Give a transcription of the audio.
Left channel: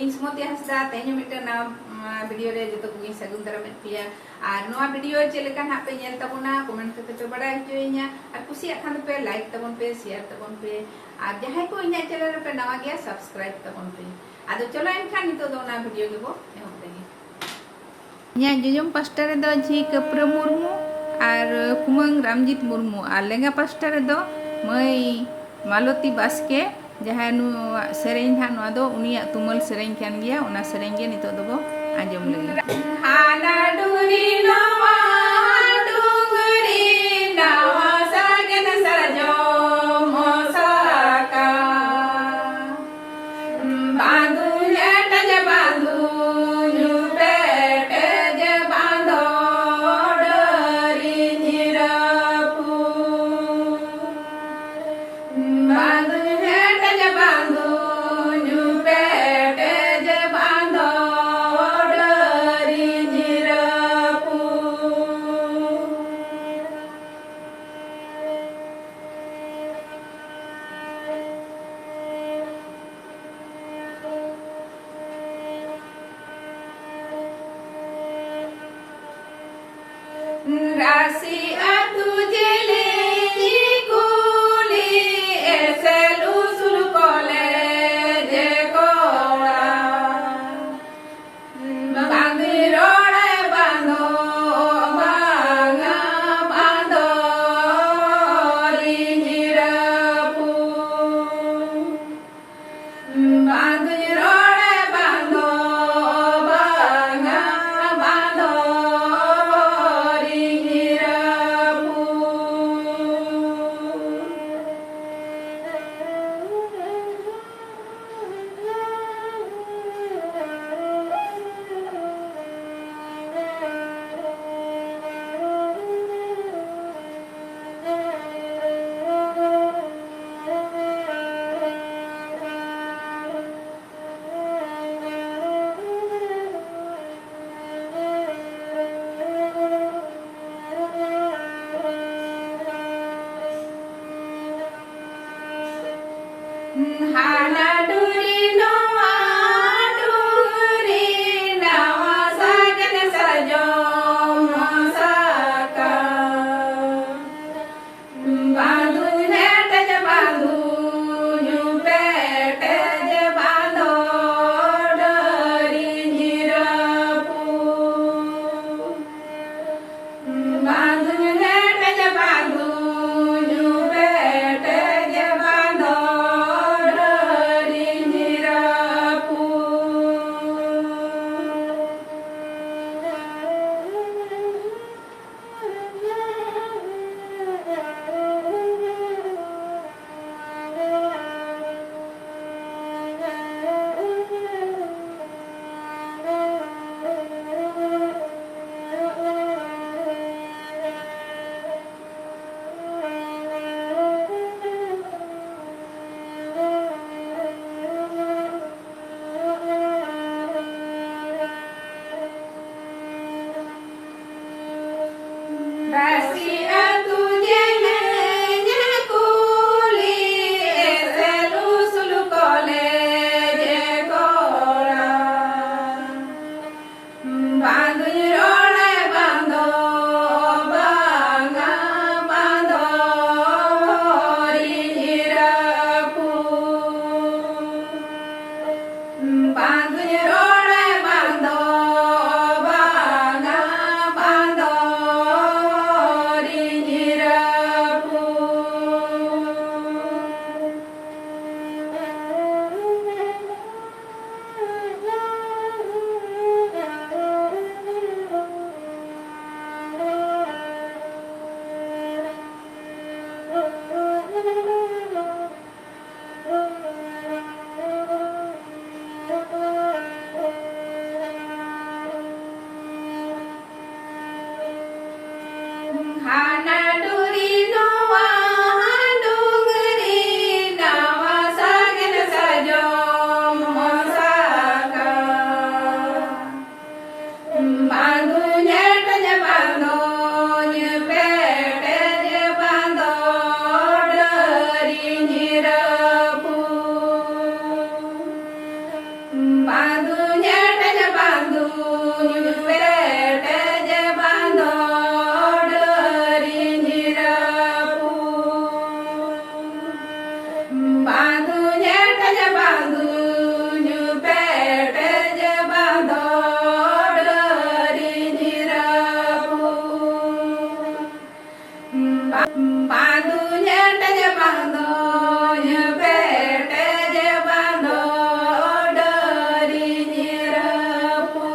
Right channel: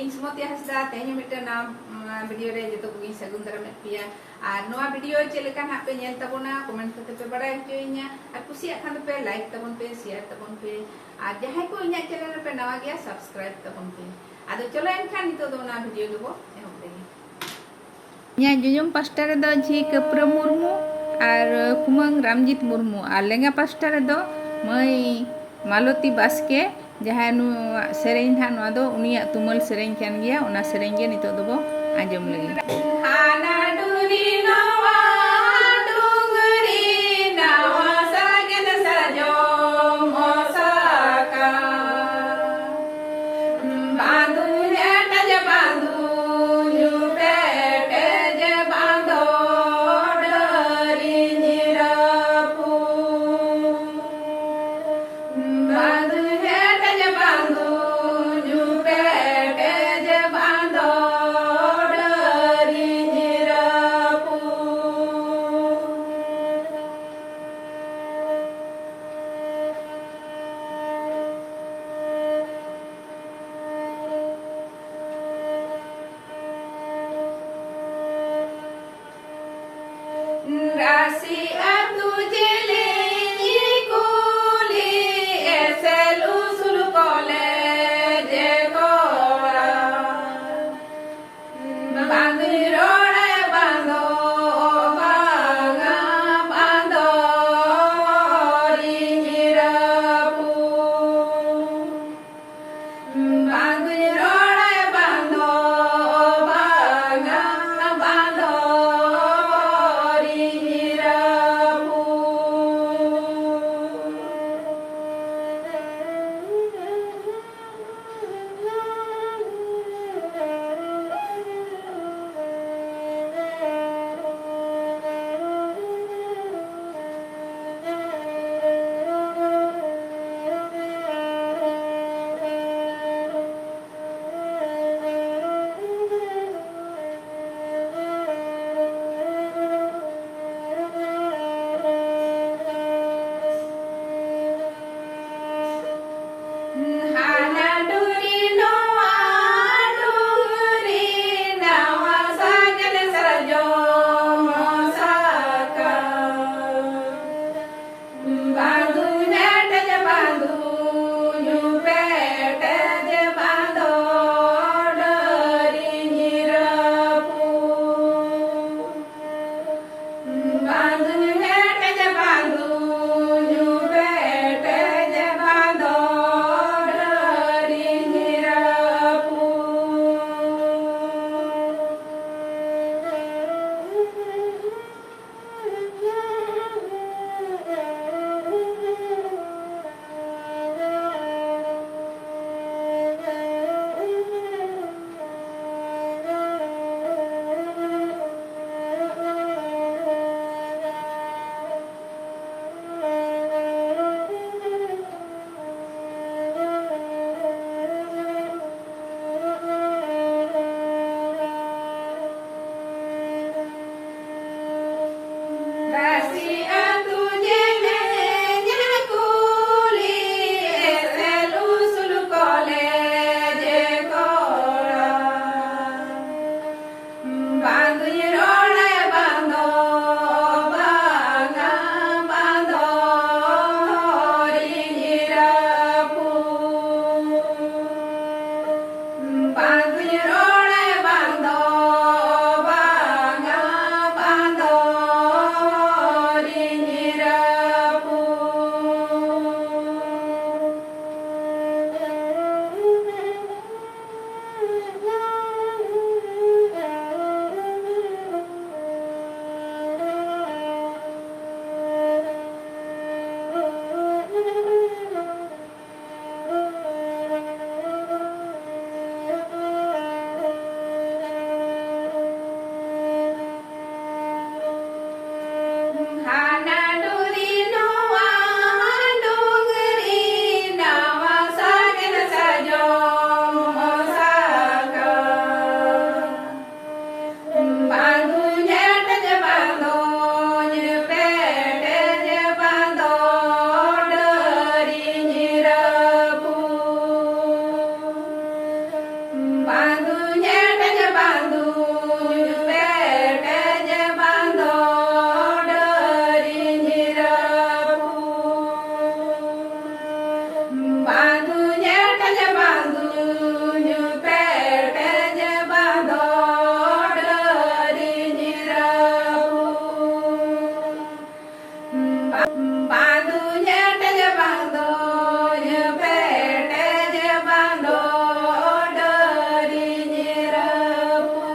इन सुमति हांसदा तेहन mitten video रे जतो को सगुन दारा में पिया और नोआ वीडियो चलेका ना पे नेल तबोना कमेंट करते पे बड़ा हचोइया और कुसिया खान पे लाइक तबन पे शेयर तबन पे और जहां को इना चैनल पे नवा गया सब्सक्राइब तबन पे आदो चलो एनखान नितो दो ना वीडियो गेबो एहब लेगी nya jujung pasta redo ji Kepra Murmu और कुमंग रामजीत मुर्मू और लेंगा पास्टा रेदो मई मालती बास्के जहाँ सेरें हाँ दो उनिया तुमल सेरें कान गया उना सेरें गे नितो दो आंजम लगी हाना डुरी नवा डुंगरी नवा सागन सरजो मोसाका बांधु नेटज बांधु जुबे तेज बांधो डरी निरपू बांधु नेटज बांधु जुबे तेज बांधो डरी निरपू राशि अतु जले कुली एसलु सुलु कोले जे कोरा बांधि रोड़े बांधो बांगा बांधो रिंगिरपू बांधि रोड़े बांधो बांगा बांधो हाना डुरी नवा डुंगरी नवा सागन सरजो मोसाका बांधु नेटज बांधु जुबे तेज बांधो डरी निरपू बांधु नेटज बांधु जुबे तेज बांधो राशि अतु जले कुली एसलु सुलु कोले जे कोरा बांधि रोड़े बांधो बांगा बांधो रिंगिरपू बांधि रोड़े बांधो बांगा बांधो रिंगिरपू हाना डुरी नवा डुंगरी नवा सागन सरजो मोसाका बांधु नेटज बांधो जुबे तेज बांधो डरी निरपू बांधु बांधुnya tanya bangdonya bete bando dari nyerapu.